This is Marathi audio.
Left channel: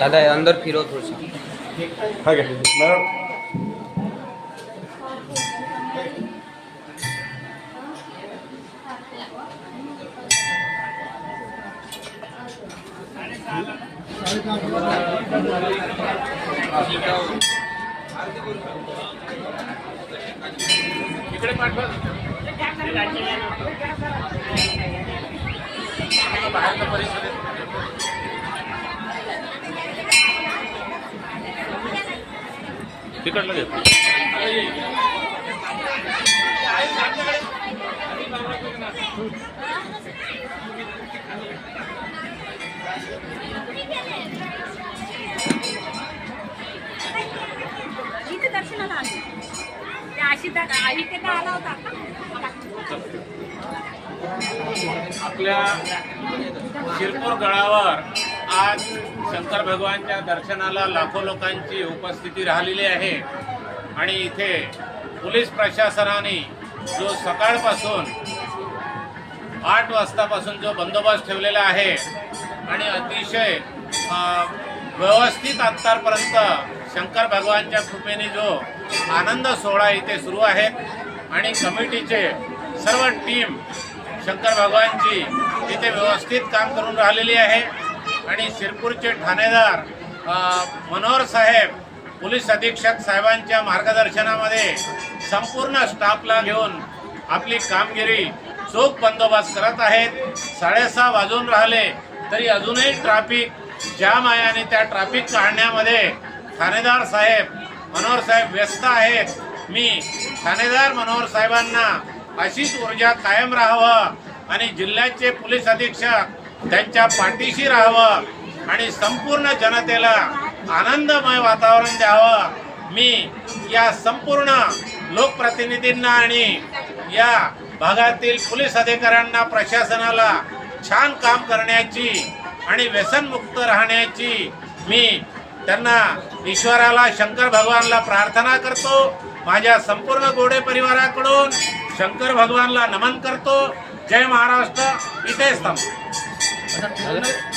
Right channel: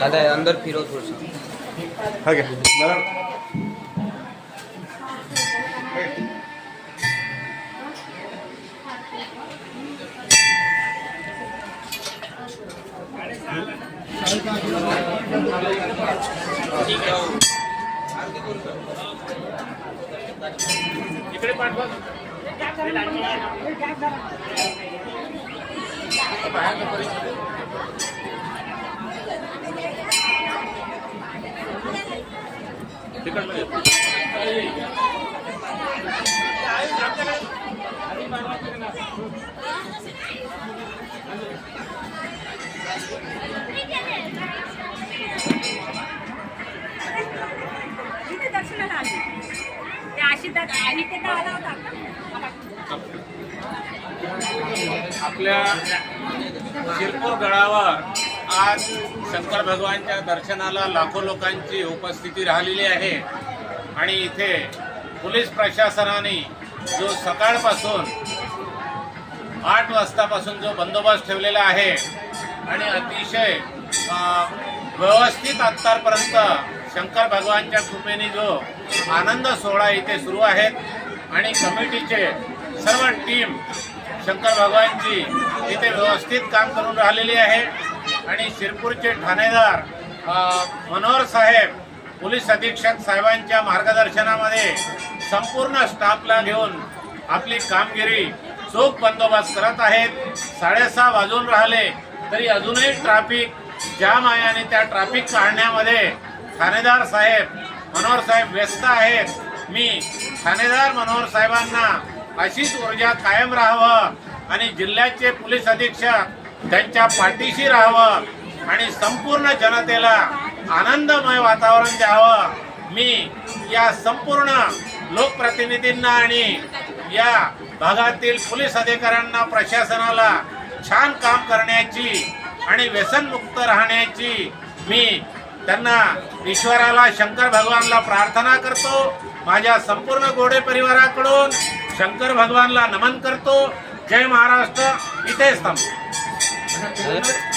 દાદા અંદર ફીરો થોડું હાગે इकडे पाठवा हा घ्या इथे दर्शनाला आली ते आशिता इथे तर आला होता आपल्या शिरपूर गडावर आज शंकर भगवानच्या दर्शनाला लाखो लोकांची उपस्थिती राहिलेली आहे. आणि इथे पोलीस प्रशासनाने जो सकाळपासून आठ वाजतापासून जो बंदोबस्त ठेवलेला आहे आणि अतिशय व्यवस्थित आत्तापर्यंत शंकर भगवानच्या कृपेने जो आनंद सोहळा इथे सुरू आहेत. आणि कमिटीचे सर्व टीम शंकर भगवानची तिथे व्यवस्थित काम करून राहिलेली आहे. आणि शिरपूरचे ठाणेदार मनोहर साहेब पोलीस अधीक्षक साहेबांच्या मार्गदर्शनामध्ये संपूर्ण स्टाफला घेऊन आपली कामगिरी चोख बंदोबस्त करत आहेत. साडेसहा वाजून राहिले तरी अजूनही ट्रॅफिक जाम आहे आणि त्या ट्रॅफिक काढण्यामध्ये ठाणेदार साहेब मनोहर साहेब व्यस्त आहेत. मी ठाणेदार मनोहर साहेबांना अशीच ऊर्जा कायम राहावं आणि जिल्ह्याचे पोलीस अधीक्षक त्यांच्या पाठीशी राहावं आणि संपूर्ण जनतेला आनंदमय वातावरण द्यावं. मी या संपूर्ण लोकप्रतिनिधींना आणि या भागातील पोलीस अधिकाऱ्यांना प्रशासनाला छान काम करण्याची आणि व्यसनमुक्त राहण्याची मी त्यांना ईश्वराला शंकर भगवानला प्रार्थना करतो. माझ्या संपूर्ण गोडे परिवाराकडून शंकर भगवानला नमन करतो. जय महाराष्ट्र. इथेच थांबतो